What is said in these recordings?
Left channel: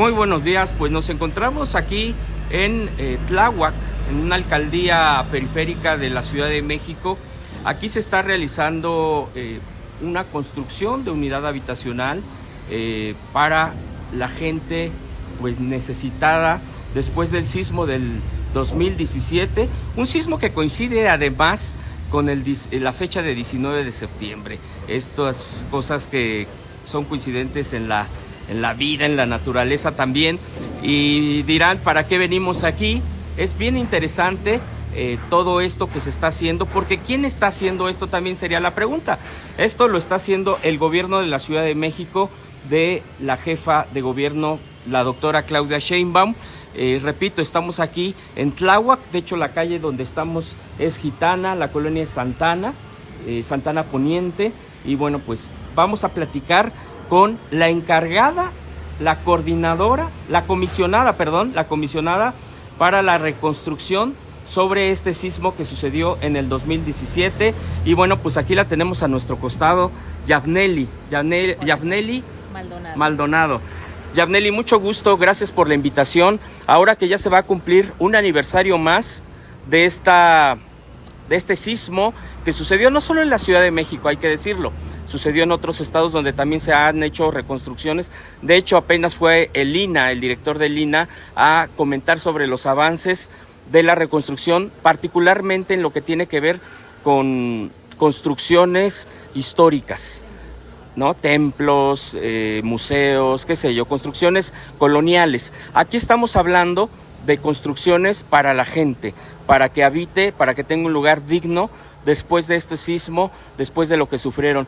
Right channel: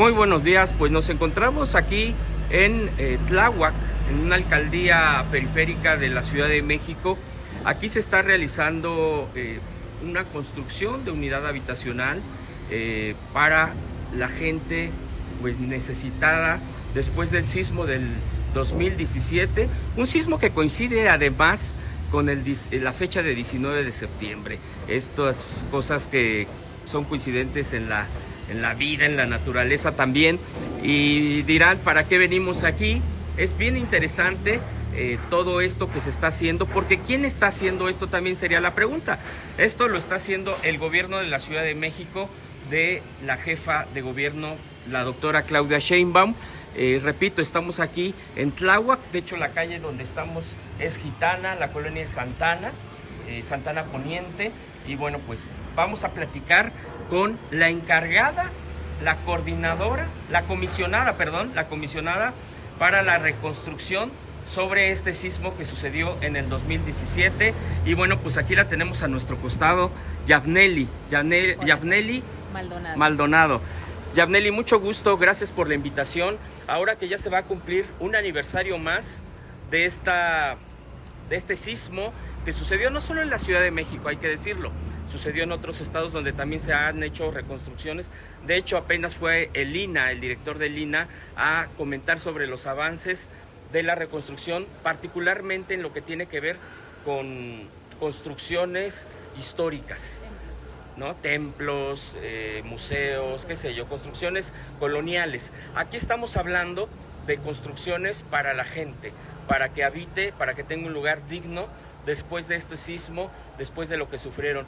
Muy buenos días, pues nos encontramos aquí en Tláhuac, en una alcaldía periférica de la Ciudad de México. Aquí se está realizando una construcción de unidad habitacional para la gente pues necesitada después del sismo del 2017, un sismo que coincide además con la fecha de 19 de septiembre. Estas cosas que son coincidentes en la vida, en la naturaleza también, y dirán, ¿para qué venimos aquí? Es bien interesante todo esto que se está haciendo, porque ¿quién está haciendo esto? También sería la pregunta. Esto lo está haciendo el gobierno de la Ciudad de México, de la jefa de gobierno, la doctora Claudia Sheinbaum. Repito, estamos aquí en Tláhuac, de hecho la calle donde estamos es Gitana, la colonia es Santana, Santana Poniente, y bueno, pues vamos a platicar con la encargada, la comisionada para la reconstrucción sobre este sismo que sucedió en el 2017. Y bueno, pues aquí la tenemos a nuestro costado, Yabneli Maldonado. Yabneli, mucho gusto, gracias por la invitación. Ahora que ya se va a cumplir un aniversario más de este sismo que sucedió no solo en la Ciudad de México, hay que decirlo, sucedió en otros estados donde también se han hecho reconstrucciones. De hecho, apenas fue el director del INAH, a comentar sobre los avances de la reconstrucción, particularmente en lo que tiene que ver con construcciones históricas, ¿no? Templos, museos, qué sé yo, construcciones coloniales. Aquí estamos hablando de construcciones para la gente, para que habite, para que tenga un lugar digno después de este sismo, después de lo que sufrieron.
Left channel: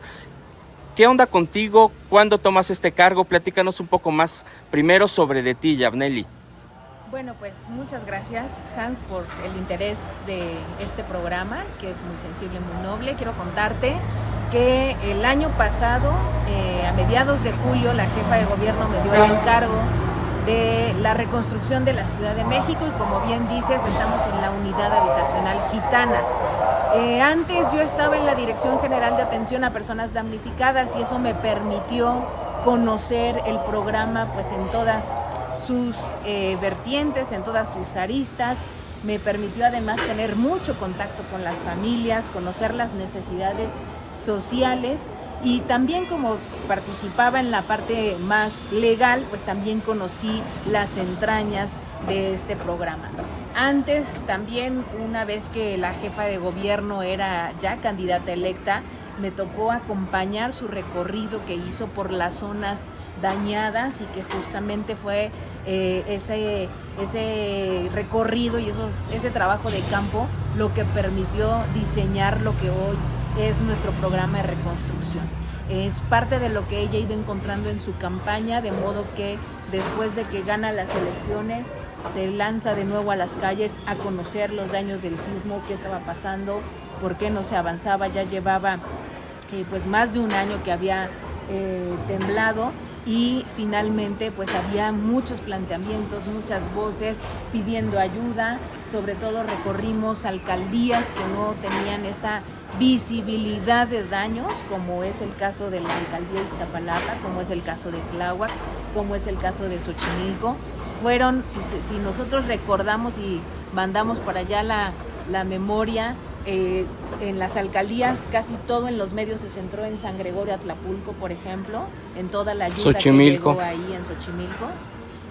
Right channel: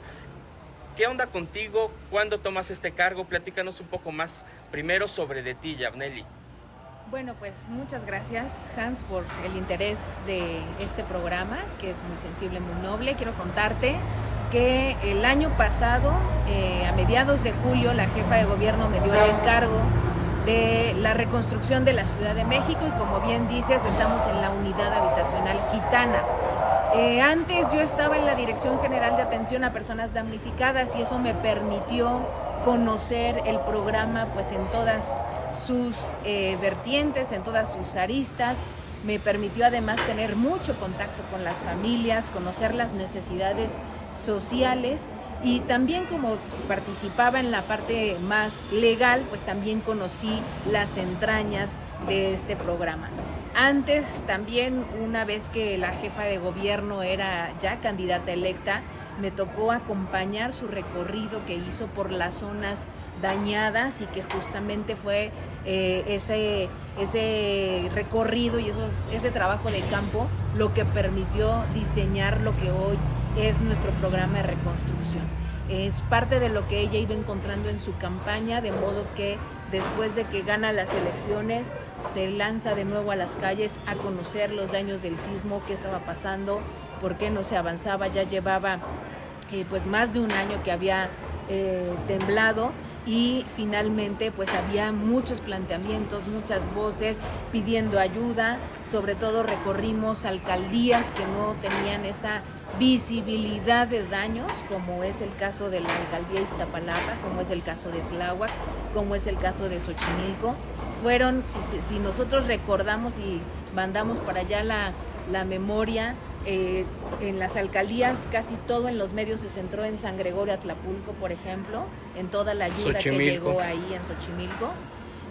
¿Qué onda contigo? ¿Cuándo tomas este cargo? Platícanos un poco más primero sobre de ti, Yabneli. Bueno, pues muchas gracias, Hans, por el interés de este programa, que es muy sensible, muy noble. Quiero contarte que el año pasado, a mediados de julio, la jefa de gobierno me dio el encargo de la reconstrucción de la Ciudad de México, y como bien dices, estamos en la unidad habitacional Gitana. Antes yo estaba en la Dirección General de Atención a Personas Damnificadas, y eso me permitió conocer el programa pues en todas sus vertientes, en todas sus aristas. Me permitió además tener mucho contacto con las familias, conocer las necesidades sociales, y también como participaba en la parte más legal, pues también conocí las entrañas de este programa. Antes también, una vez que la jefa de gobierno era ya candidata electa, me tocó acompañar su recorrido que hizo por las zonas dañadas, y que justamente fue ese recorrido y ese trabajo de campo lo que permitió diseñar lo que hoy es nuestro programa de reconstrucción. Es parte de lo que ella iba encontrando en su campaña, de modo que después de que gana las elecciones se lanza de nuevo a las calles a conocer los daños del sismo, qué estaba pasando, por qué no se avanzaba. Ya llevaba pues más de un año que había temblado, y finalmente pues había muchos planteamientos, muchas voces pidiendo ayuda. Sobre todo recorrimos alcaldías que no tenían esa visibilidad de daños, como es el caso de la alcaldía de Iztapalapa, como es el caso de Tláhuac, como es el caso de Xochimilco. Fueron, si nosotros recordamos y mandamos para allá la memoria, en las alcaldías casi todo en los medios se centró en San Gregorio Atlapulco, por ejemplo, en toda la ayuda que llegó ahí en Xochimilco.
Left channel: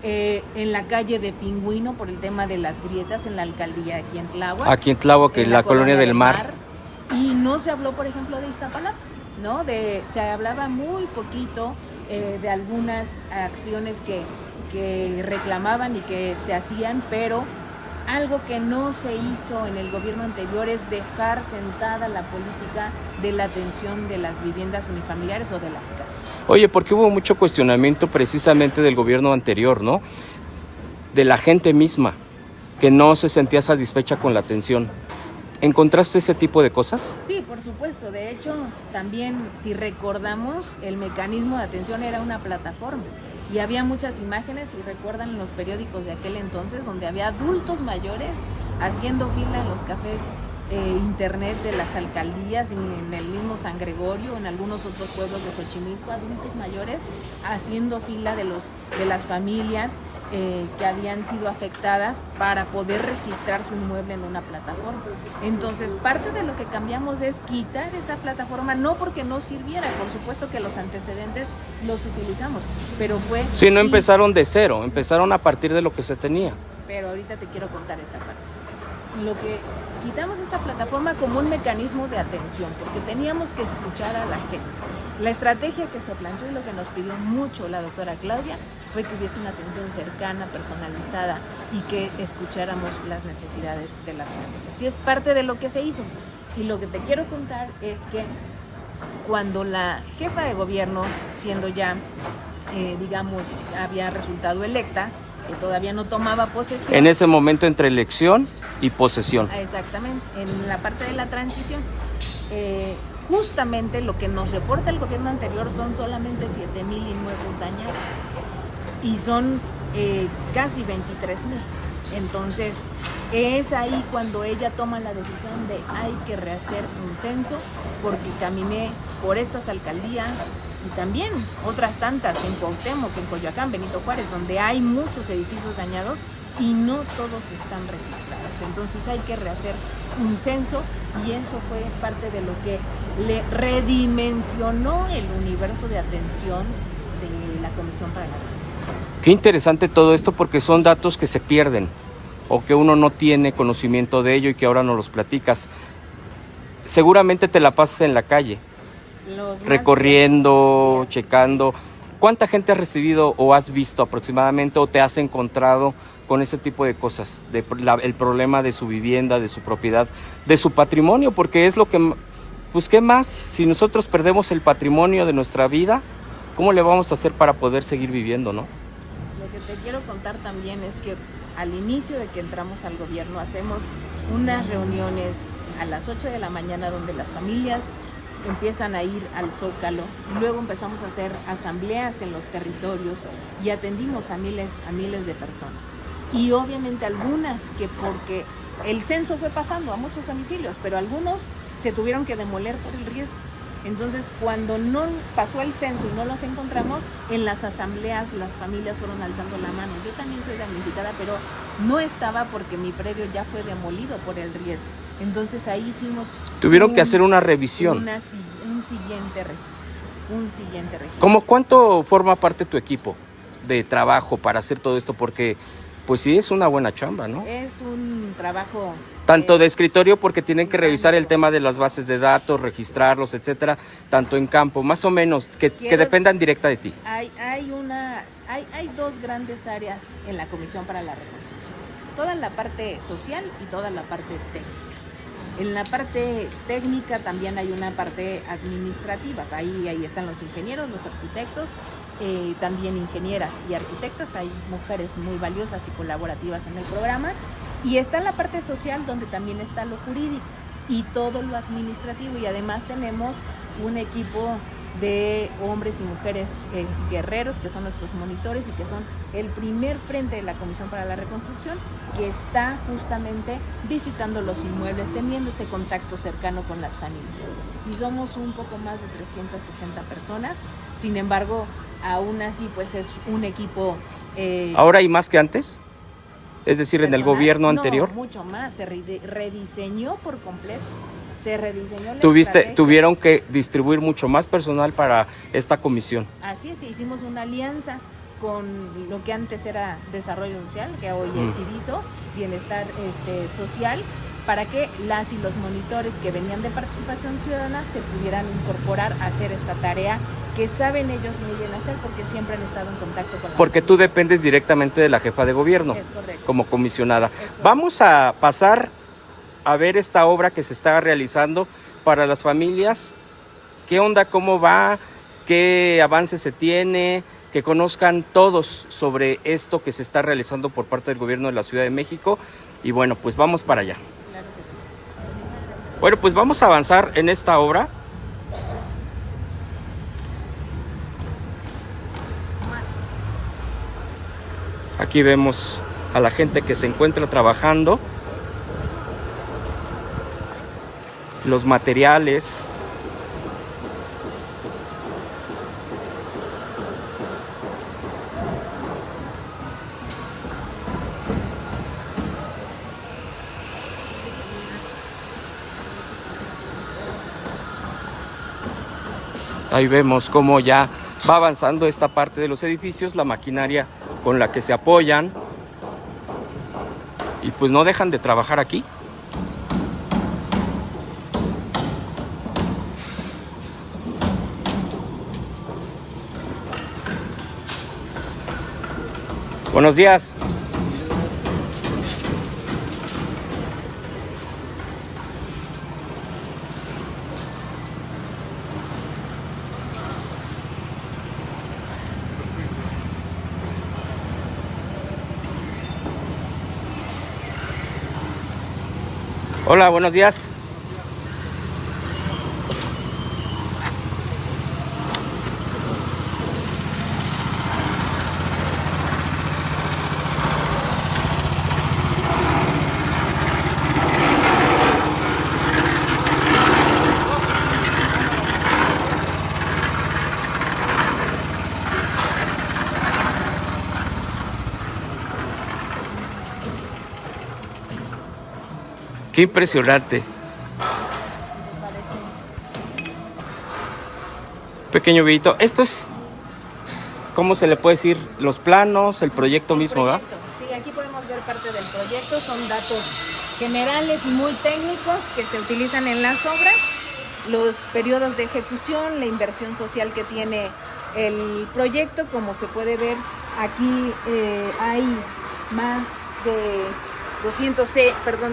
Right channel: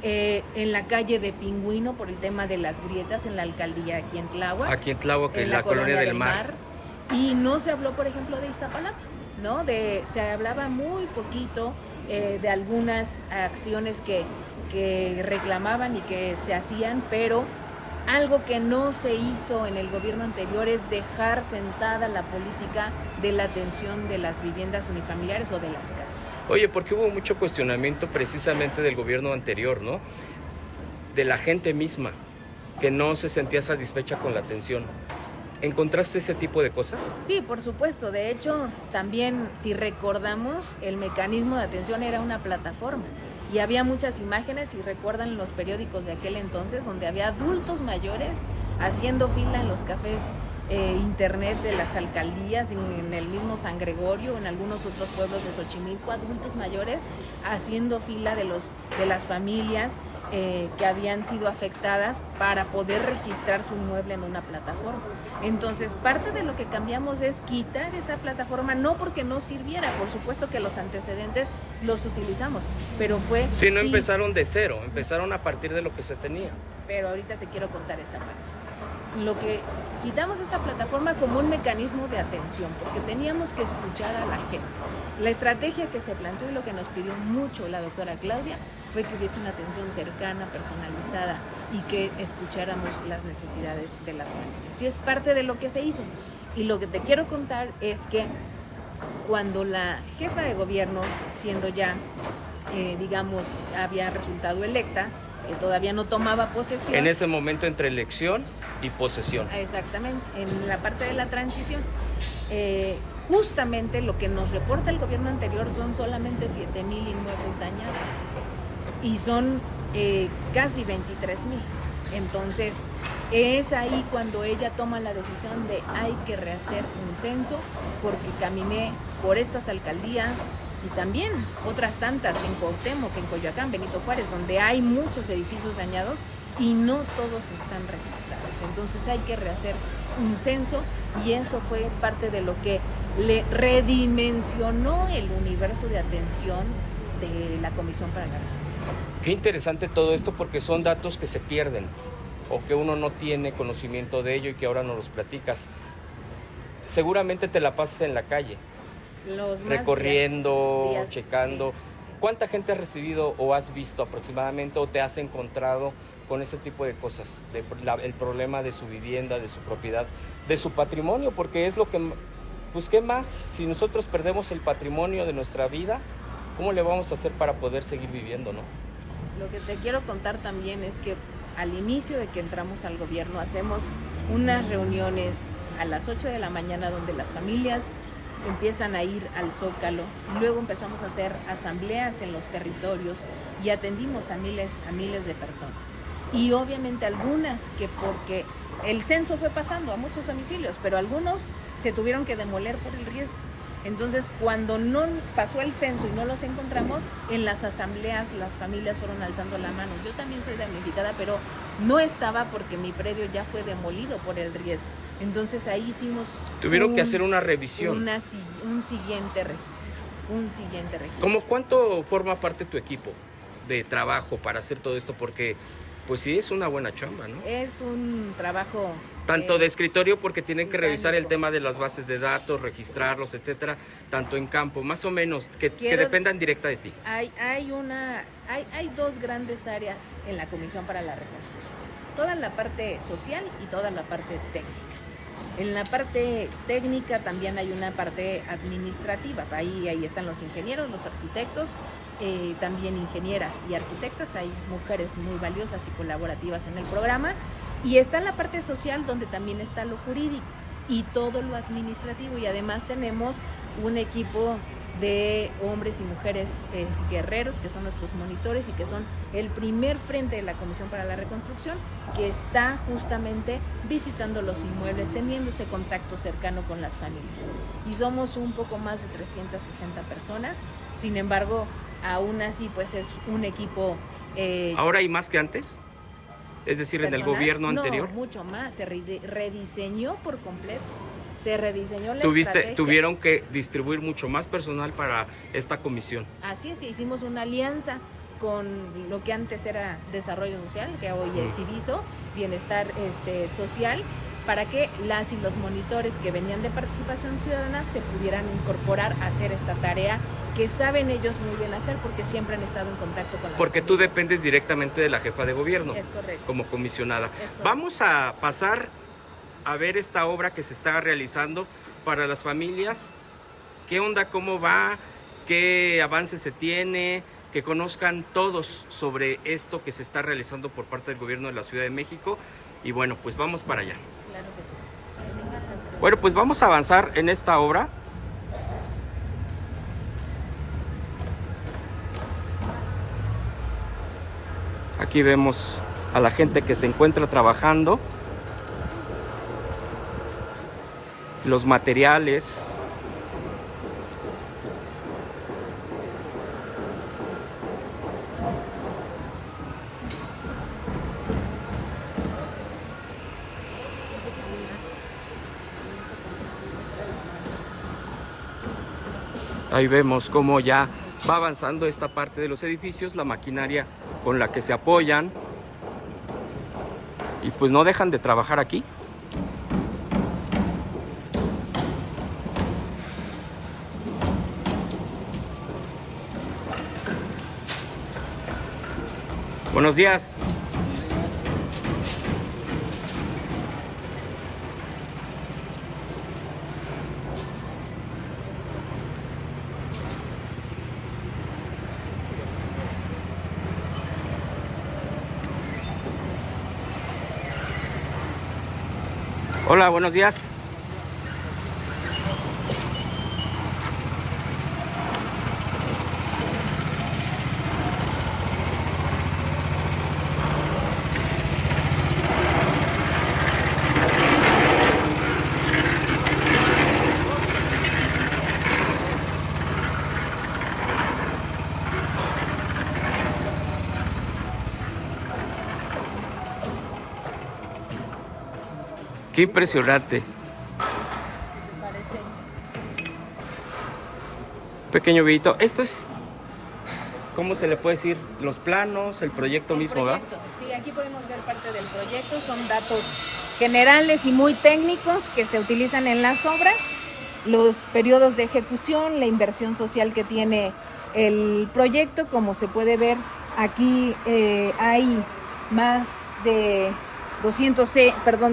En la calle de Pingüino por el tema de las grietas en la alcaldía aquí en Tláhuac, en la colonia del Mar. Y no se habló, por ejemplo, de Iztapalapa, ¿no? Se hablaba muy poquito de algunas acciones que reclamaban y que se hacían, pero algo que no se hizo en el gobierno anterior es dejar sentada la política de la atención de las viviendas unifamiliares o de las casas. Oye, porque hubo mucho cuestionamiento precisamente del gobierno anterior, ¿no? De la gente misma, que no se sentía satisfecha con la atención. ¿Encontraste ese tipo de cosas? Sí, por supuesto. De hecho, también, si recordamos, el mecanismo de atención era una plataforma. Y había muchas imágenes, si recuerdan los periódicos de aquel entonces, donde había adultos mayores haciendo fila en los cafés internet de las alcaldías, en el mismo San Gregorio, en algunos otros pueblos de Xochimilco, adultos mayores haciendo fila de las familias que habían sido afectadas para poder registrar su inmueble en una plataforma. Entonces, parte de lo que cambiamos es quitar esa plataforma, no porque no sirviera, por supuesto que los antecedentes los utilizamos, pero fue... Sí, no empezaron de cero, empezaron a partir de lo que se tenía. Pero ahorita te quiero contar esa parte. Lo que quitamos esa plataforma como un mecanismo de atención, porque teníamos que escuchar a la gente. La estrategia que se planteó y lo que nos pidió mucho la doctora Claudia fue que hubiese una atención cercana, personalizada y que escucháramos las necesidades de las familias. Y es parte de lo que se hizo. Y lo que te quiero contar es que cuando la jefa de gobierno, siendo ya, digamos, había resultado electa, que todavía no tomaba posesión. En ese momento entre elección y posesión. Exactamente, en la parte de la transición. Justamente lo que nos reporta el gobierno anterior son solamente 7,000 inmuebles dañados y son casi 23,000. Entonces es ahí cuando ella toma la decisión de hay que rehacer un censo, porque caminé por estas alcaldías y también otras tantas en Cuauhtémoc, en Coyoacán, Benito Juárez, donde hay muchos edificios dañados y no todos están registrados. Entonces hay que rehacer un censo y eso fue parte de lo que le redimensionó el universo de atención de la Comisión para la Reconstrucción. Qué interesante todo esto, porque son datos que se pierden o que uno no tiene conocimiento de ello y que ahora nos los platicas. Seguramente te la pasas en la calle, recorriendo, días, checando. Sí. ¿Cuánta gente has recibido o has visto aproximadamente o te has encontrado con ese tipo de cosas? El problema de su vivienda, de su propiedad, de su patrimonio, porque es lo que... Pues ¿qué más? Si nosotros perdemos el patrimonio de nuestra vida, ¿cómo le vamos a hacer para poder seguir viviendo, no? Lo que te quiero contar también es que al inicio de que entramos al gobierno hacemos unas reuniones a las 8 de la mañana donde las familias empiezan a ir al Zócalo y luego empezamos a hacer asambleas en los territorios y atendimos a miles de personas. Y obviamente algunas que porque el censo fue pasando a muchos domicilios, pero algunos se tuvieron que demoler por el riesgo. Entonces, cuando no pasó el censo y no los encontramos, en las asambleas las familias fueron alzando la mano. Yo también soy damnificada, pero no estaba porque mi predio ya fue demolido por el riesgo. Entonces ahí hicimos... Tuvieron que hacer una revisión. Un siguiente registro. ¿Cómo cuánto forma parte tu equipo de trabajo para hacer todo esto? Porque pues sí es una buena chamba, ¿no? Es un trabajo... Tanto de escritorio, porque tienen que revisar el tema de las bases de datos, registrarlos, etcétera, tanto en campo, más o menos, que dependan directa de ti. Hay dos grandes áreas en la Comisión para la Reconstrucción. Toda la parte social y toda la parte técnica. En la parte técnica también hay una parte administrativa. Ahí están los ingenieros, los arquitectos, también ingenieras y arquitectas. Hay mujeres muy valiosas y colaborativas en el programa. Y está en la parte social, donde también está lo jurídico y todo lo administrativo. Y además tenemos un equipo de hombres y mujeres guerreros, que son nuestros monitores y que son el primer frente de la Comisión para la Reconstrucción, que está justamente visitando los inmuebles, teniendo ese contacto cercano con las familias. Y somos un poco más de 360 personas. Sin embargo, aún así, pues es un equipo... ¿Ahora hay más que antes? Es decir, personal, en el gobierno anterior. No, mucho más, se rediseñó por completo, se rediseñó la estrategia. Tuvieron que distribuir mucho más personal para esta comisión. Así es, hicimos una alianza con lo que antes era Desarrollo Social, que hoy es Civiso, Bienestar Social, para que las y los monitores que venían de Participación Ciudadana se pudieran incorporar a hacer esta tarea que saben ellos muy bien hacer, porque siempre han estado en contacto con la Porque familias. Tú dependes directamente de la jefa de gobierno. Es correcto. Como comisionada. Vamos a pasar a ver esta obra que se está realizando para las familias. ¿Qué onda? ¿Cómo va? ¿Qué avance se tiene? Que conozcan todos sobre esto que se está realizando por parte del gobierno de la Ciudad de México. Y bueno, pues vamos para allá. Claro que sí. Bueno, pues vamos a avanzar en esta obra. Aquí vemos a la gente que se encuentra trabajando los materiales. Ahí vemos cómo ya va avanzando esta parte de los edificios, la maquinaria con la que se apoyan. Y pues no dejan de trabajar aquí. Buenos días. Hola, buenos días. Qué impresionante. ¿Te parece? Pequeño videito. Esto es, ¿cómo se le puede decir? Los planos, el proyecto mismo, ¿verdad? Sí, aquí podemos ver parte del proyecto. Son datos generales y muy técnicos que se utilizan en las obras. Los periodos de ejecución, la inversión social que tiene el proyecto. Como se puede ver, aquí hay más de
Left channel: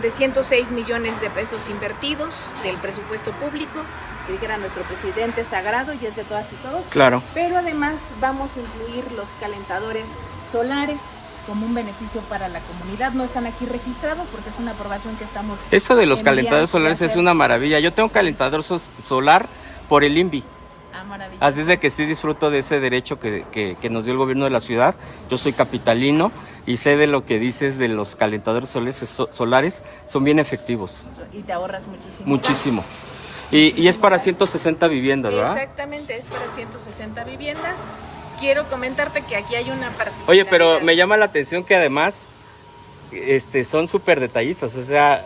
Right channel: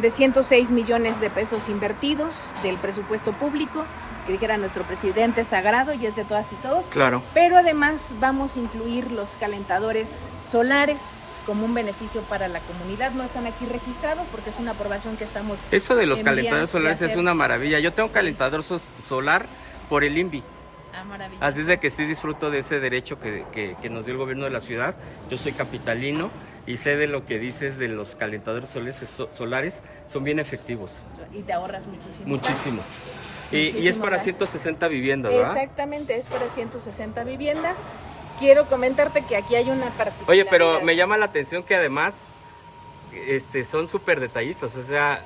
106 millones de pesos invertidos del presupuesto público, que dijera nuestro presidente sagrado y es de todas y todos. Claro. Pero además vamos a incluir los calentadores solares como un beneficio para la comunidad. No están aquí registrados porque es una aprobación que estamos... Eso de los en calentadores vías de solares es hacer. una maravilla. Yo tengo calentador solar por el INVI. Ah, maravilloso. Así es de que sí disfruto de ese derecho que nos dio el gobierno de la ciudad. Yo soy capitalino y sé de lo que dices de los calentadores solares. Son bien efectivos. Y te ahorras muchísimo. Muchísimo. Y es para 160 viviendas, ¿verdad? Exactamente, es para 160 viviendas. Quiero comentarte que aquí hay una particularidad. Oye, pero me llama la atención que además son súper detallistas. O sea,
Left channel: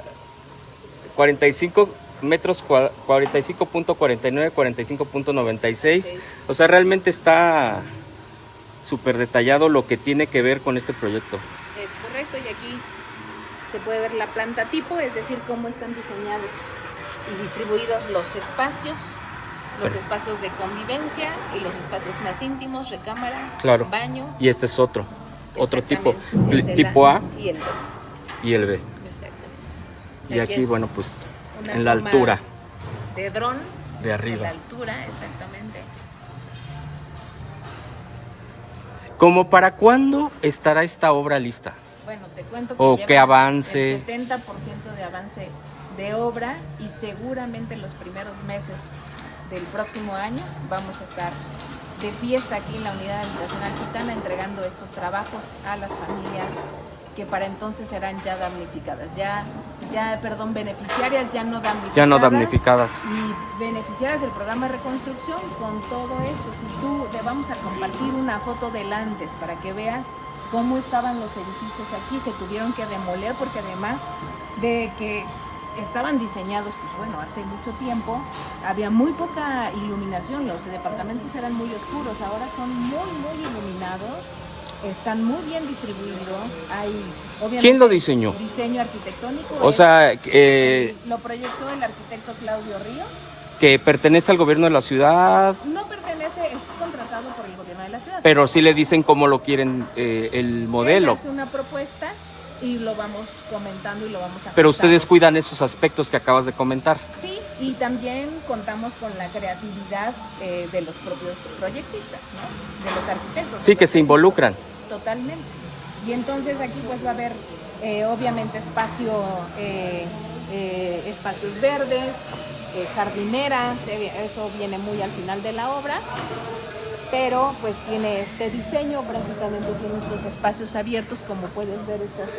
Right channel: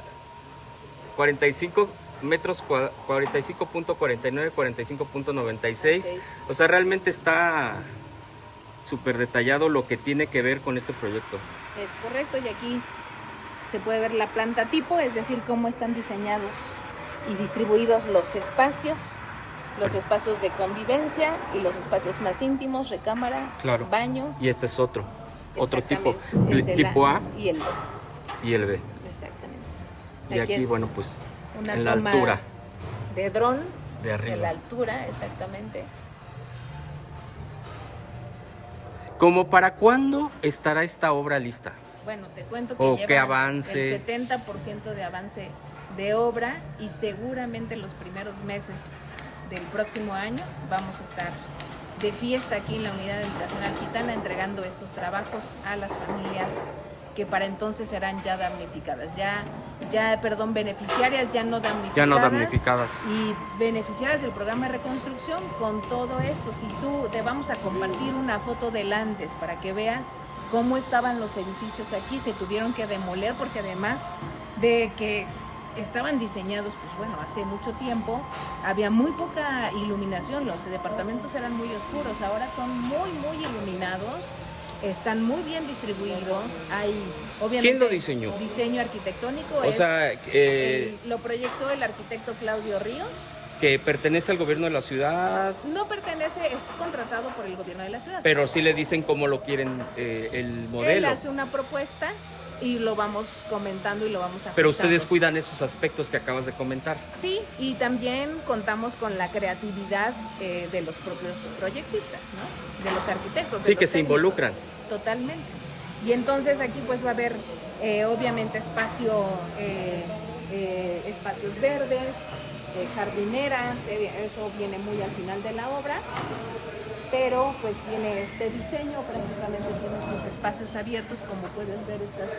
45 metros, 45.49, 45.96. Sí. O sea, realmente está súper detallado lo que tiene que ver con este proyecto. Es correcto, y aquí se puede ver la planta tipo, es decir, cómo están diseñados y distribuidos los espacios de convivencia y los espacios más íntimos, recámara, Claro. baño. Y este es otro tipo, Exactamente, es el tipo A y el B. y el B. Exactamente. Y aquí, es bueno, pues una en la toma altura de dron. de De la arriba. altura, exactamente. ¿Cómo para cuándo estará esta obra lista? Bueno, te cuento que O lleva qué avance. el 70% de avance de obra y seguramente los primeros meses del próximo año vamos a estar de fiesta aquí en la Unidad Habitacional Gitana entregando estos trabajos a las familias que para entonces serán ya damnificadas, beneficiarias, ya no damnificadas. Ya no damnificadas. Y beneficiarias del programa de reconstrucción con todo esto. Si tú te vamos a compartir una foto del antes para que veas cómo estaban los edificios aquí, se tuvieron que demoler porque además de que estaban diseñados, pues bueno, hace mucho tiempo, había muy poca iluminación, los departamentos eran muy oscuros, ahora son muy iluminados, están muy bien distribuidos, hay obviamente... ¿Quién lo diseñó? Diseño arquitectónico. O sea, lo proyectó el arquitecto Claudio Ríos. que pertenece al gobierno de la ciudad, No pertenece, es contratado por el gobierno de la ciudad. pero sí le dicen cómo lo quieren el modelo. Él hace una propuesta y lo vamos comentando y lo vamos ajustando. Pero ustedes cuidan esos aspectos que acabas de comentar. Sí, y también contamos con la creatividad de los propios proyectistas, ¿no? De los arquitectos. Sí, de que los se técnicos. involucran. Totalmente. Y entonces aquí pues va a haber obviamente espacios verdes, jardineras, eso viene muy al final de la obra, pero pues tiene este diseño, prácticamente tiene estos espacios abiertos, como puedes ver estas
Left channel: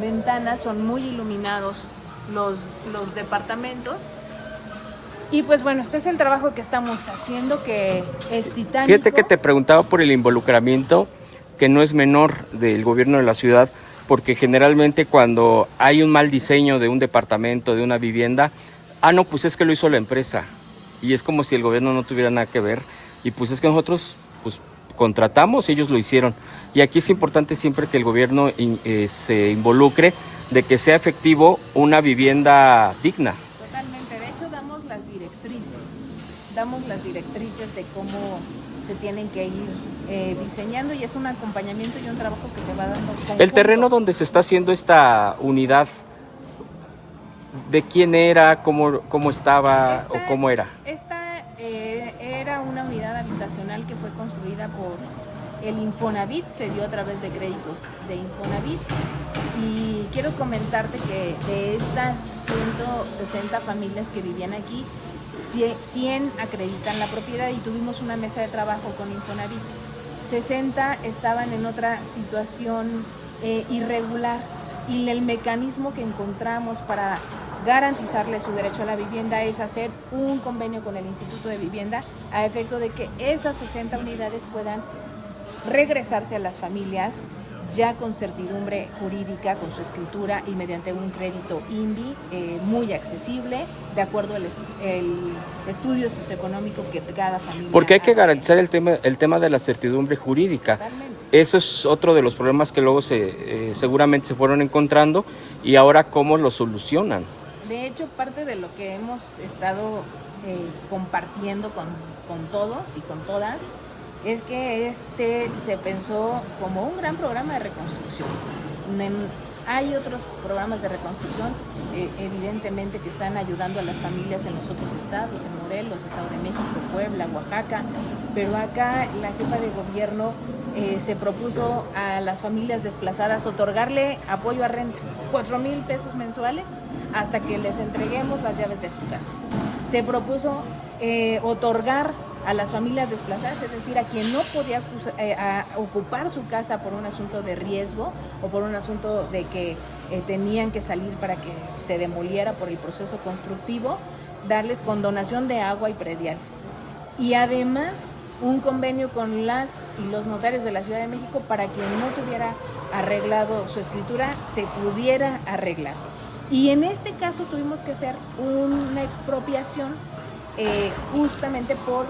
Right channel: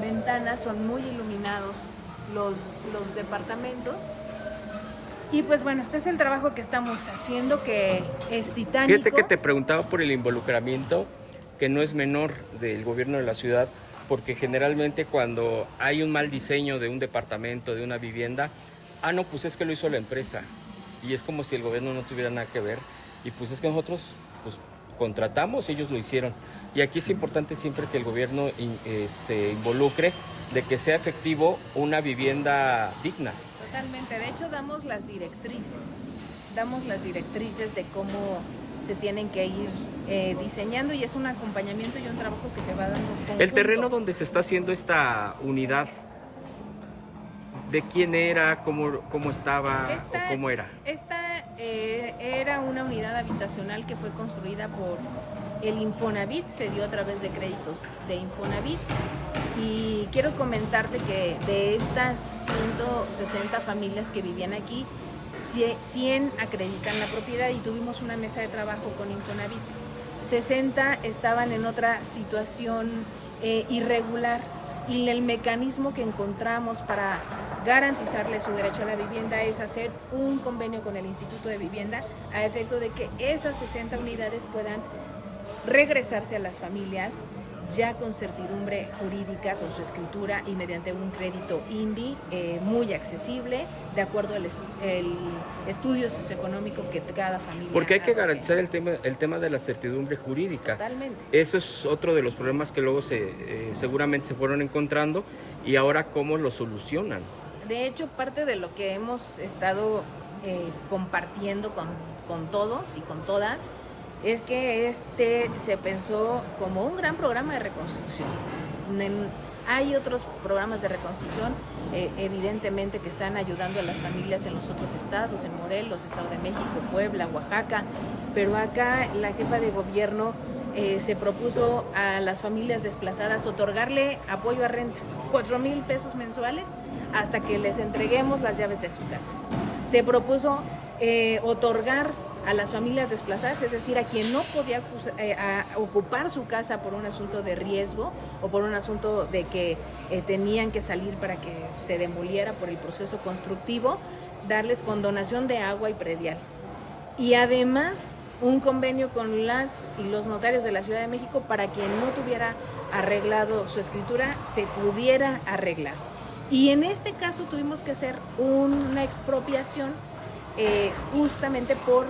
ventanas, son muy iluminados los departamentos Y pues bueno, este es el trabajo que estamos haciendo, que es titánico. Fíjate que te preguntaba por el involucramiento, que no es menor del gobierno de la ciudad, porque generalmente cuando hay un mal diseño de un departamento, de una vivienda, no, pues es que lo hizo la empresa. Y es como si el gobierno no tuviera nada que ver. Y pues es que nosotros pues contratamos, ellos lo hicieron. Y aquí es importante siempre que el gobierno se involucre de que sea efectivo una vivienda digna. Totalmente, de hecho damos las directrices de cómo se tienen que ir diseñando, y es un acompañamiento y un trabajo que se va dando conjunto. El terreno donde se está haciendo esta unidad, ¿de quién era? ¿Cómo estaba o cómo era? Esta era una unidad habitacional que fue construida por el Infonavit, se dio a través de créditos de Infonavit. Y quiero comentarte que de estas 160 familias que vivían aquí, 100 acreditan la propiedad y tuvimos una mesa de trabajo con Infonavit. 60 estaban en otra situación irregular, y el mecanismo que encontramos para garantizarle su derecho a la vivienda es hacer un convenio con el Instituto de Vivienda a efecto de que esas 60 unidades puedan regresarse a las familias ya con certidumbre jurídica, con su escritura y mediante un crédito INVI muy accesible, de acuerdo al estudio socioeconómico que cada familia. Porque hay que garantizar el tema de la certidumbre jurídica. Totalmente. Eso es otro de los problemas que luego seguramente se fueron encontrando, y ahora cómo lo solucionan. De hecho, parte de lo que hemos estado compartiendo con todos y con todas es que se pensó como un gran programa de reconstrucción. Hay otros programas de reconstrucción, evidentemente, que están ayudando a las familias en los otros estados, en Morelos, Estado de México, Puebla, Oaxaca, pero acá la jefa de gobierno se propuso a las familias desplazadas otorgarle apoyo a renta, 4,000 pesos mensuales, hasta que les entreguemos las llaves de su casa. Se propuso otorgar a las familias desplazadas, es decir, a quien no podía ocupar su casa por un asunto de riesgo o por un asunto de que tenían que salir para que se demoliera por el proceso constructivo, darles condonación de agua y predial. Y además un convenio con las y los notarios de la Ciudad de México para quien no tuviera arreglado su escritura se pudiera arreglar. Y en este caso tuvimos que hacer una expropiación justamente por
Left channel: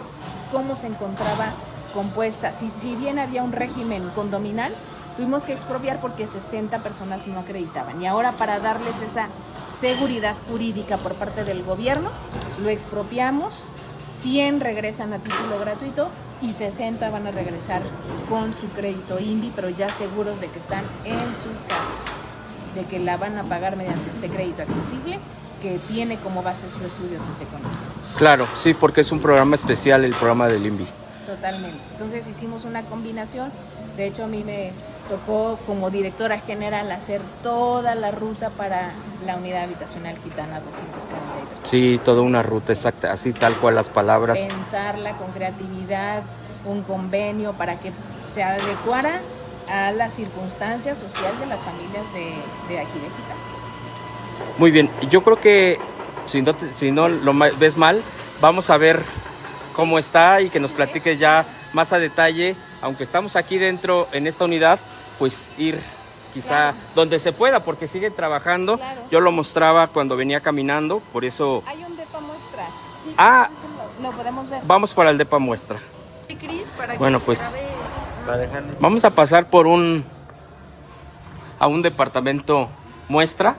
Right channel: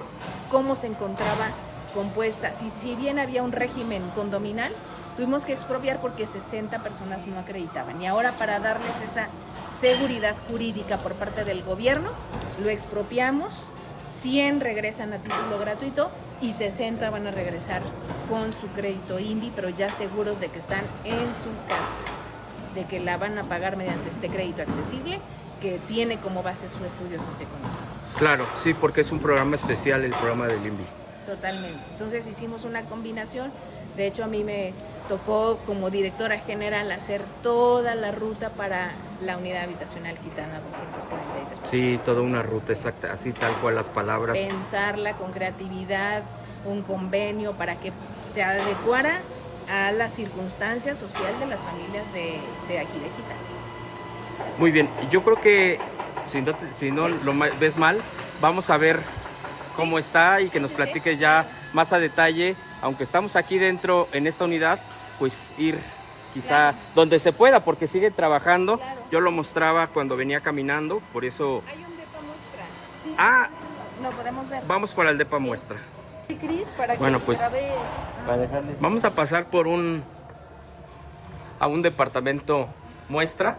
cómo se encontraba compuesta. Si bien había un régimen condominal, tuvimos que expropiar porque 60 personas no acreditaban. Y ahora, para darles esa seguridad jurídica por parte del gobierno, lo expropiamos, 100 regresan a título gratuito y 60 van a regresar con su crédito INVI, pero ya seguros de que están en su casa, de que la van a pagar mediante este crédito accesible que tiene como base su estudio socioeconómico. Claro, sí, porque es un programa especial, el programa del INVI. Totalmente. Entonces hicimos una combinación. De hecho, a mí me tocó como directora general hacer toda la ruta para la unidad habitacional Gitana 243. Sí, toda una ruta exacta, así tal cual las palabras. Pensarla con creatividad, un convenio para que se adecuara a la circunstancia social de las familias de aquí de Gitana. Muy bien, yo creo que si no lo ves mal, vamos a ver cómo está y que nos platiques ya más a detalle, aunque estamos aquí dentro en esta unidad, pues ir quizá donde se pueda, porque sigue trabajando. Yo lo mostraba cuando venía caminando, por eso... Hay un depa muestra. Sí, lo podemos ver. Vamos para el depa muestra. Sí, Cris, para bueno, que pues vamos a pasar a un departamento muestra.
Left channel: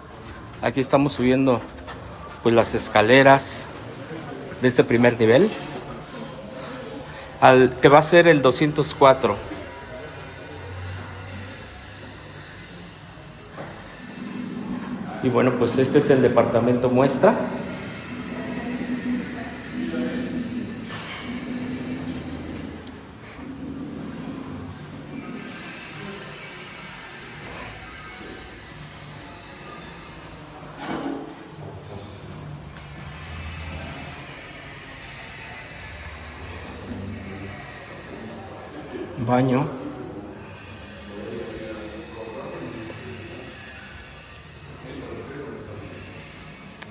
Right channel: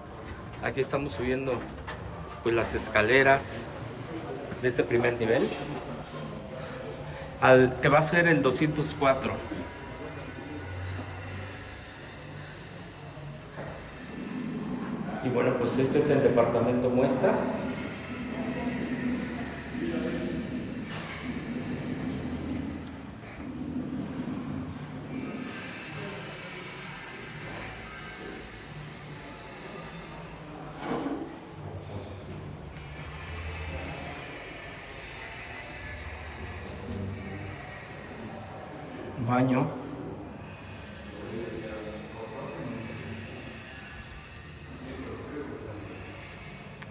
Aquí estamos subiendo pues las escaleras de este primer nivel al que va a ser el 204. Y bueno, pues este es el departamento muestra. Baño.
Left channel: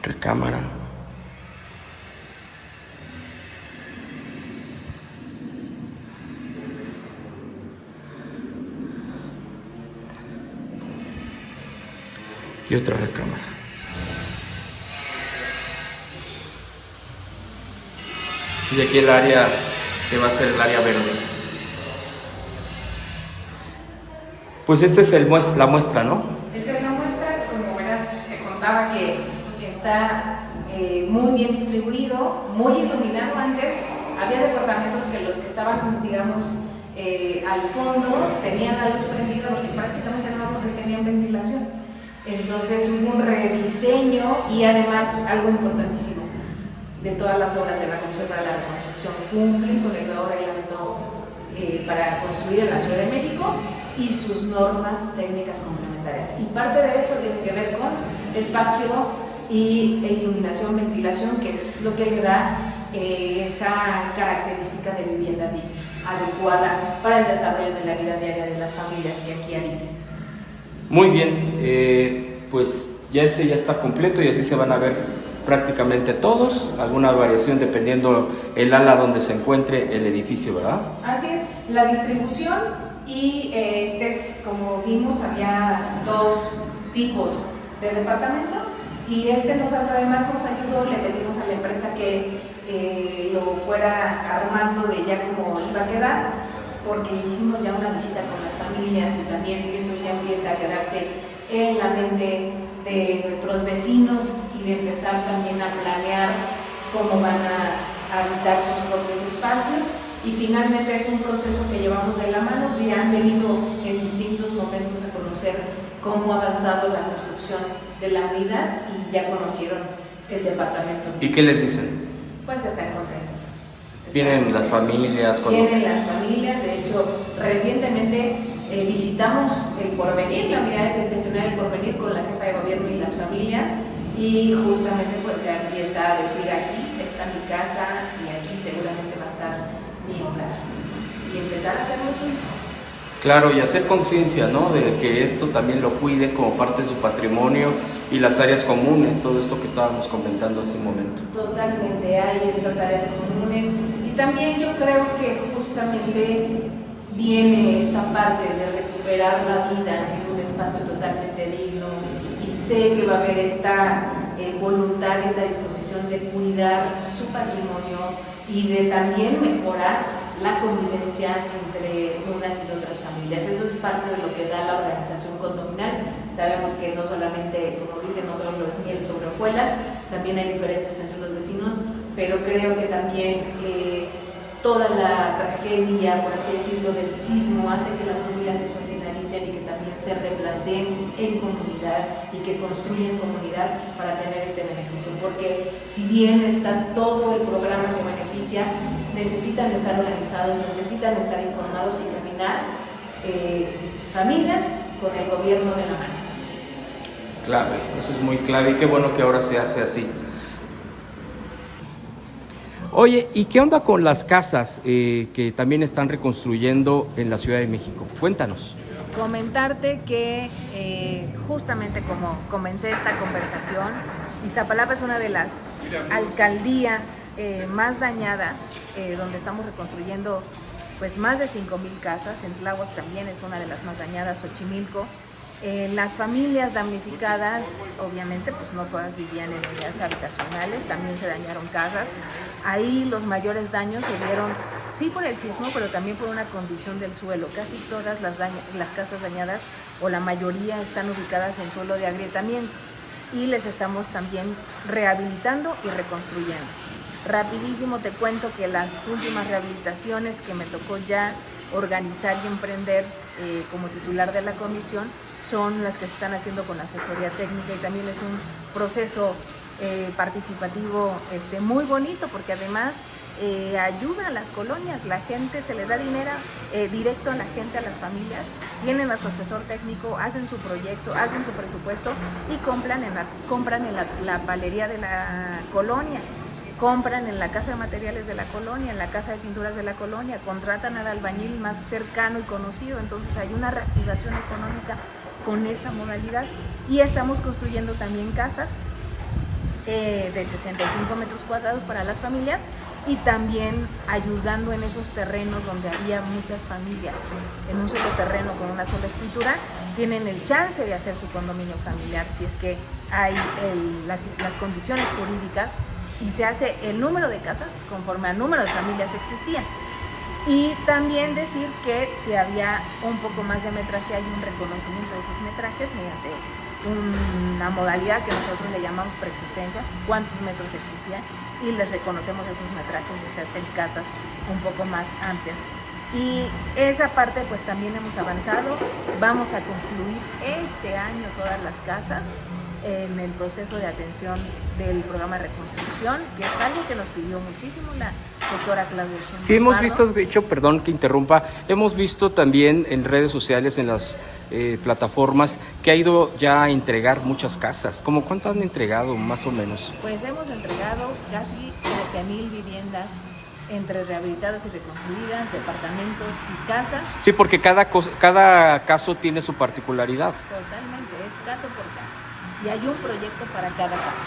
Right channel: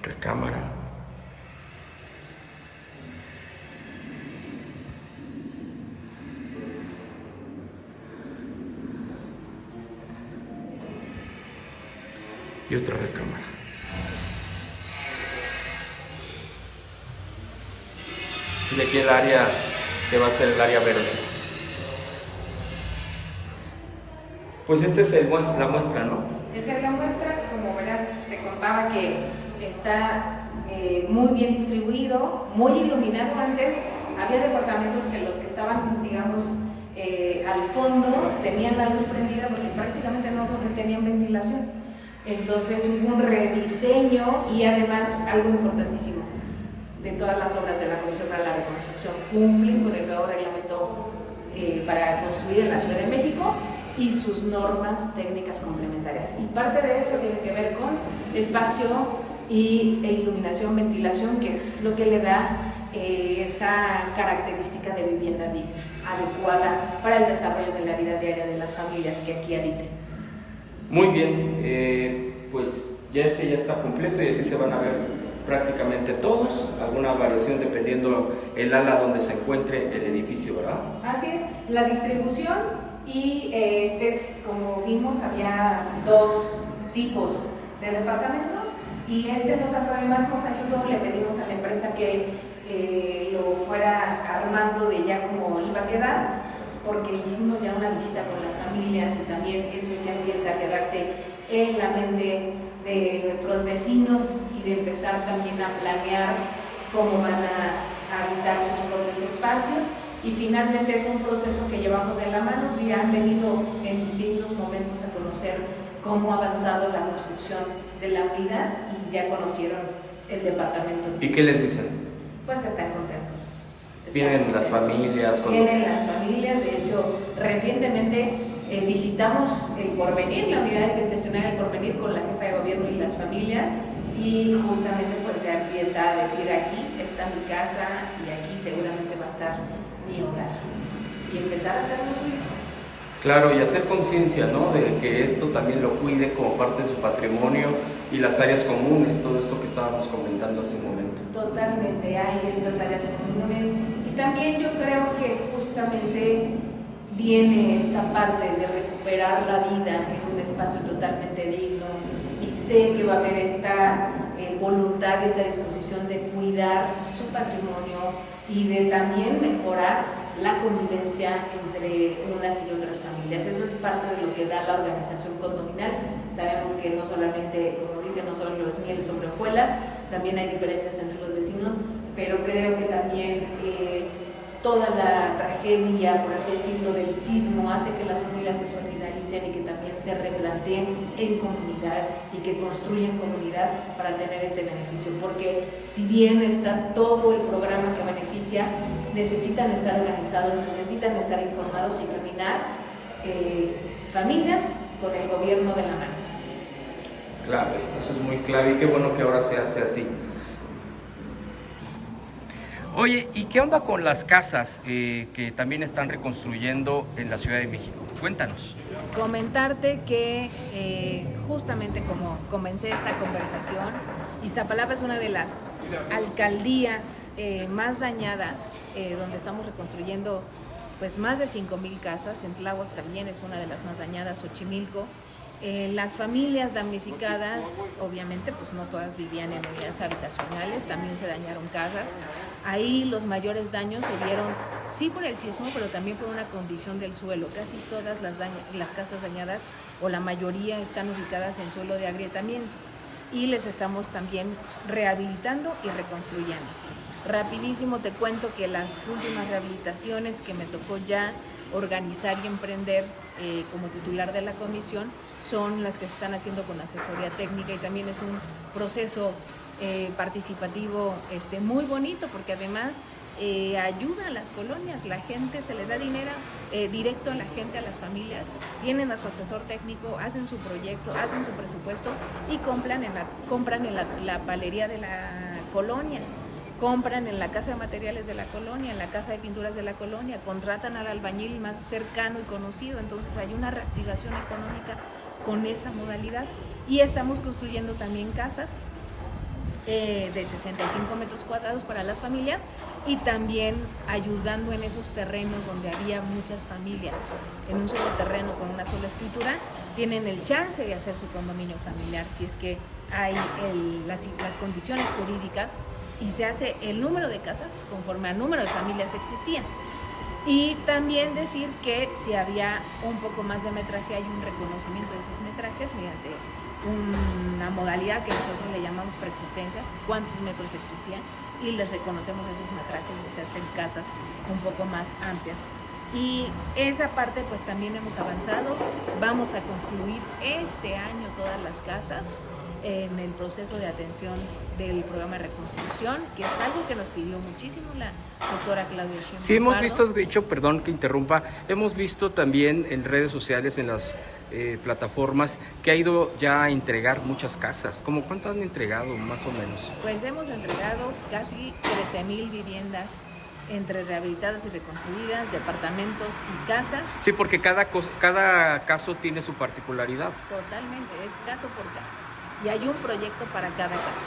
Recámara. y otra recámara. Y aquí el área que va a ser el área verde. Pues esta es la muestra, ¿no? Esta es la muestra, como verás, te contaba que está muy bien distribuido, muy iluminado. Antes había departamentos que los que estaban, digamos, al fondo tenían la luz prendida porque prácticamente no tenían ventilación. Entonces hubo un rediseño y además algo importantísimo, de todas las obras de la Comisión para la Reconstrucción cumplen con el nuevo reglamento para construir en la Ciudad de México y sus normas técnicas complementarias. Y parte de eso tiene que ver con espacio e iluminación, ventilación, que es lo que le da esa característica de vivienda digna, adecuada para el desarrollo de la vida diaria de las familias que aquí habiten. Muy bien, pues ya está completo y así se van a ver prácticamente todos, alguna variación dependiendo el ala donde se encuentre el edificio, ¿verdad? Así es, la distribución y como vimos, había dos tipos de departamentos y además nos ayudó, le pedimos a la empresa que lo fuera armando de ya como iba a quedar, porque hicimos ya una visita con las familias y también eso ya empieza a quedarse en la mente de nuestros vecinos y de empezar también a planear cómo van a habitar sus propios espacios. Y finalmente es un proceso que llevamos de la mano, y han venido en distintos momentos a conocer cómo ha avanzado la construcción de la unidad y ya conocieron el departamento. ¿Y qué les dicen? Pues están contentos. Vienen las familias. Vienen las familias, de hecho recientemente visitamos el Porvenir, la unidad detencional del Porvenir con la jefa de gobierno y las familias y justamente pues ya empieza a decir aquí está mi casa y aquí seguramente va a estar mi hogar y empezar a hacerlo suyo. Claro, y hacer conciencia, ¿no? De que esto también lo cuiden como parte de su patrimonio y las áreas comunes, todo esto que estábamos comentando hace un momento. Totalmente, hay estas áreas comunes y también yo creo que justamente viene esta parte de recuperar la vida en un espacio totalmente digno y sé que va a haber esta voluntad y esta disposición de cuidar su patrimonio y de también mejorar la convivencia entre unas y otras familias. Eso es parte de lo que da la organización condominal. Sabemos que no solamente, como dicen, no solo es miel sobre hojuelas, también hay diferencias entre los vecinos, pero creo que también toda la tragedia, por así decirlo, del sismo hace que las familias se solidaricen y que también se replanteen en comunidad y que construyan comunidad para tener este beneficio, porque si bien está todo el programa que beneficia, necesitan estar organizados, necesitan estar informados y caminar familias con el gobierno de la mano. Clave, eso es muy clave y qué bueno que ahora se hace así. Oye, ¿y qué onda con las casas que también están reconstruyendo en la Ciudad de México? Cuéntanos. Comentarte que justamente como comencé esta conversación, Iztapalapa es una de las alcaldías más dañadas, donde estamos reconstruyendo pues más de 5,000 casas. En Tláhuac también es una de las más dañadas, Xochimilco. Las familias damnificadas, obviamente, pues no todas vivían en unidades habitacionales, también se dañaron casas. Ahí los mayores daños se dieron, sí por el sismo, pero también por una condición del suelo. Casi todas las casas dañadas, o la mayoría, están ubicadas en suelo de agrietamiento. Y les estamos también rehabilitando y reconstruyendo. Rapidísimo te cuento que las últimas rehabilitaciones que me tocó ya organizar y emprender como titular de la comisión son las que se están haciendo con asesoría técnica y también es un proceso participativo muy bonito porque además ayuda a las colonias, la gente se le da dinero directo a la gente, a las familias, tienen a su asesor técnico, hacen su proyecto, hacen su presupuesto y compran en la palería de la colonia. Compran en la casa de materiales de la colonia, en la casa de pinturas de la colonia, contratan al albañil más cercano y conocido, entonces hay una reactivación económica con esa modalidad y estamos construyendo también casas de 65 metros cuadrados para las familias, y también ayudando en esos terrenos donde había muchas familias en un solo terreno con una sola escritura, tienen el chance de hacer su condominio familiar si es que hay las condiciones jurídicas, y se hace el número de casas conforme al número de familias existían. Y también decir que si había un poco más de metraje, hay un reconocimiento de esos metrajes mediante una modalidad que nosotros le llamamos preexistencias, cuántos metros existían, y les reconocemos esos metrajes y se hacen casas un poco más amplias. Y esa parte pues también hemos avanzado. Vamos a concluir este año todas las casas en el proceso de atención del programa de reconstrucción, que es algo que nos pidió muchísimo la doctora Claudia Sheinbaum. Sí, hemos visto, de hecho, perdón que interrumpa, hemos visto también en redes sociales, en las plataformas, que ha ido ya a entregar muchas casas. ¿Cómo cuánto han entregado, más o menos? Pues hemos entregado casi 13,000 viviendas entre rehabilitadas y reconstruidas, departamentos y casas. Sí, porque cada caso tiene su particularidad. Totalmente, es caso por caso. Y hay un proyecto para cada caso.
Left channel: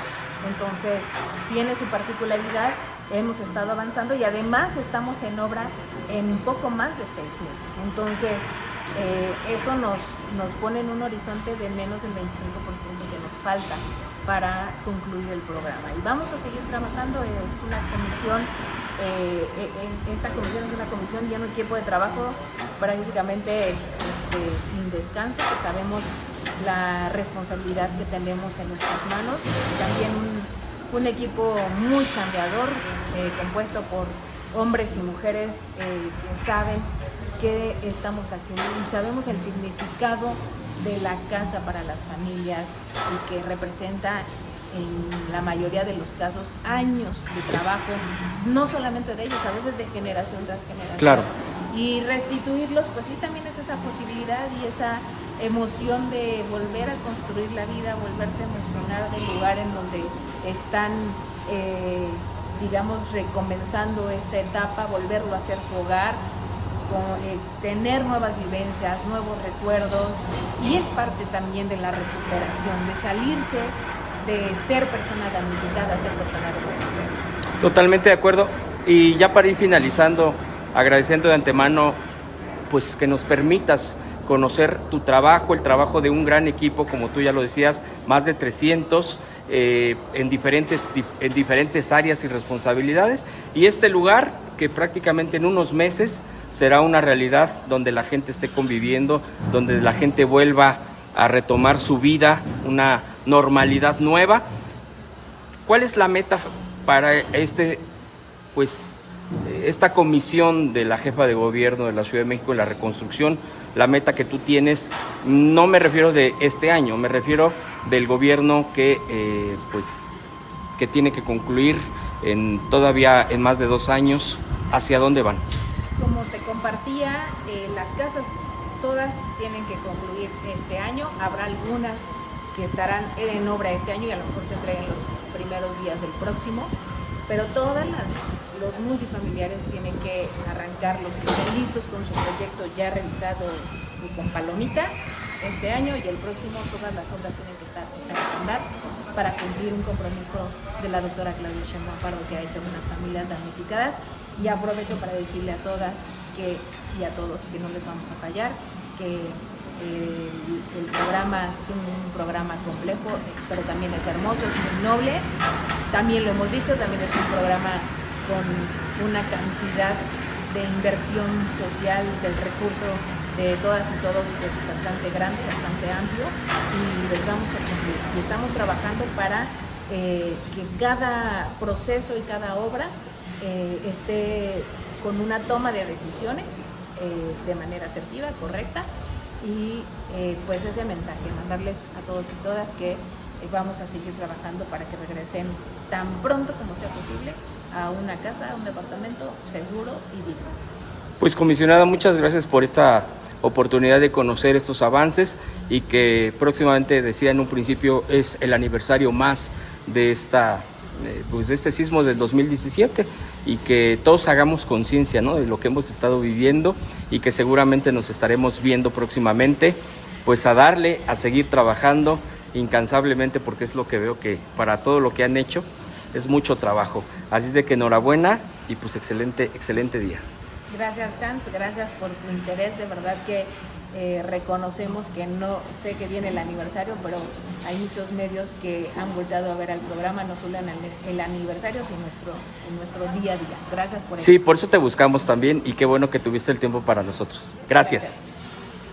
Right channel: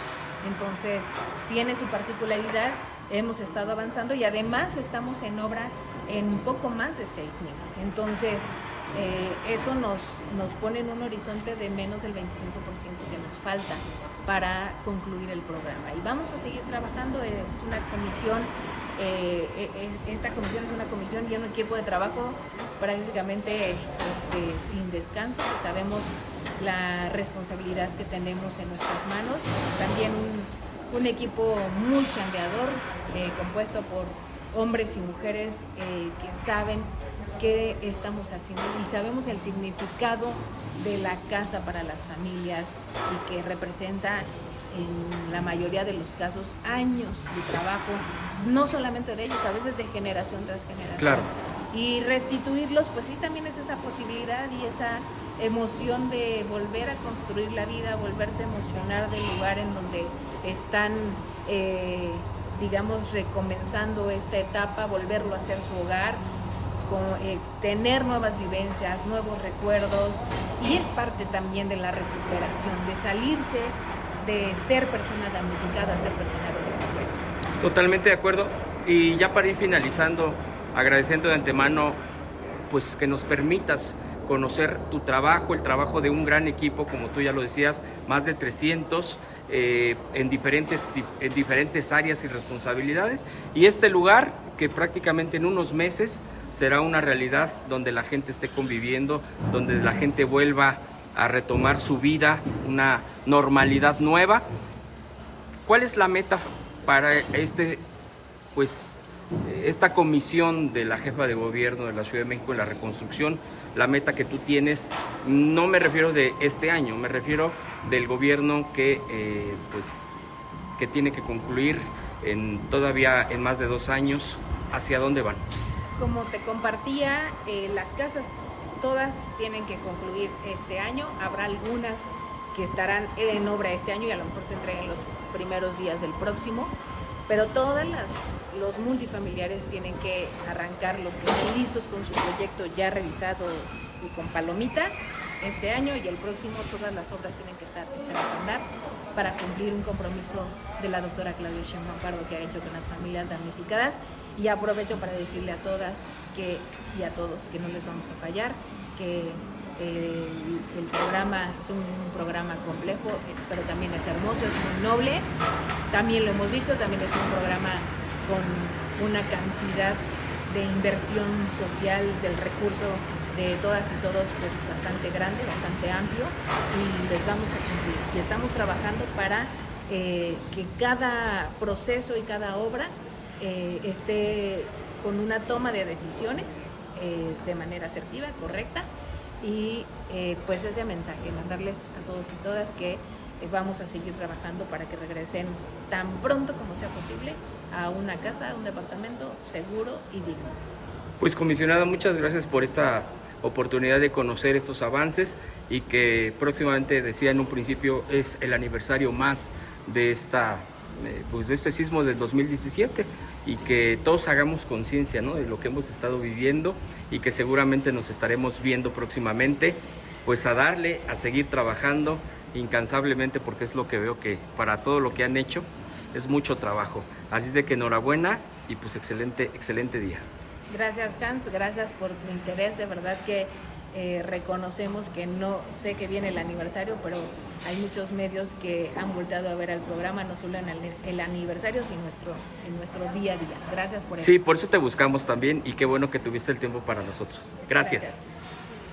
Entonces, tiene su particularidad, hemos estado avanzando y además estamos en obra en poco más de 6,000. Entonces, eso nos pone en un horizonte de menos del 25% que nos falta para concluir el programa. Y vamos a seguir trabajando, es una comisión, esta comisión es una comisión y un equipo de trabajo prácticamente sin descanso, que sabemos la responsabilidad que tenemos en nuestras manos. También un equipo muy chambeador, compuesto por hombres y mujeres que saben qué estamos haciendo y sabemos el significado de la casa para las familias, y que representa en la mayoría de los casos años de trabajo, no solamente de ellos, a veces de generación tras generación. Claro. Y restituirlos, pues sí, también es esa posibilidad y esa emoción de volver a construir la vida, volverse a emocionar del lugar en donde están, digamos, recomenzando esta etapa, volverlo a hacer su hogar, tener nuevas vivencias, nuevos recuerdos, y es parte también de la recuperación, de salirse de ser persona damnificada a ser persona beneficiaria. Totalmente de acuerdo. Y ya para ir finalizando, agradeciendo de antemano pues que nos permitas conocer tu trabajo, el trabajo de un gran equipo, como tú ya lo decías, más de 300 en diferentes áreas y responsabilidades, y este lugar que prácticamente en unos meses será una realidad donde la gente esté conviviendo, donde la gente vuelva a retomar su vida, una normalidad nueva. ¿Cuál es la meta para esta comisión de la jefa de gobierno de la Ciudad de México en la reconstrucción? La meta que tú tienes, no me refiero de este año, me refiero del gobierno que tiene que concluir todavía en más de 2 años. ¿Hacia dónde van? Como te compartía, las casas todas tienen que concluir este año. Habrá algunas que estarán en obra este año y a lo mejor se entreguen los primeros días del próximo, pero todas los multifamiliares tienen que arrancar, los que estén listos con su proyecto ya revisado y con palomita este año, y el próximo todas las obras tienen que estar echadas a andar para cumplir un compromiso de la doctora Claudia Sheinbaum Pardo que ha hecho con las familias damnificadas. Y aprovecho para decirle a todas y a todos que no les vamos a fallar, que el programa es un programa complejo, pero también es hermoso, es muy noble. También lo hemos dicho, también es un programa con una cantidad de inversión social del recurso de todas y todos, pues bastante grande, bastante amplio, y les vamos a cumplir. Y estamos trabajando para que cada proceso y cada obra esté con una toma de decisiones de manera asertiva, correcta, y pues ese mensaje, mandarles a todos y todas que vamos a seguir trabajando para que regresen tan pronto como sea posible a una casa, a un departamento seguro y digno. Pues comisionada, muchas gracias por esta oportunidad de conocer estos avances, y que próximamente, decía en un principio, es el aniversario más de este sismo del 2017, y que todos hagamos conciencia, ¿no?, de lo que hemos estado viviendo, y que seguramente nos estaremos viendo próximamente, pues a seguir trabajando incansablemente, porque es lo que veo que para todo lo que han hecho es mucho trabajo. Así es de que enhorabuena y pues excelente día. Gracias, Hans, gracias por tu interés, de verdad que reconocemos que no sé que viene el aniversario, pero hay muchos medios que han volteado a ver al programa, no solo en el aniversario, sino en nuestro día a día. Gracias por eso. Sí, por eso te buscamos también y qué bueno que tuviste el tiempo para nosotros. Gracias.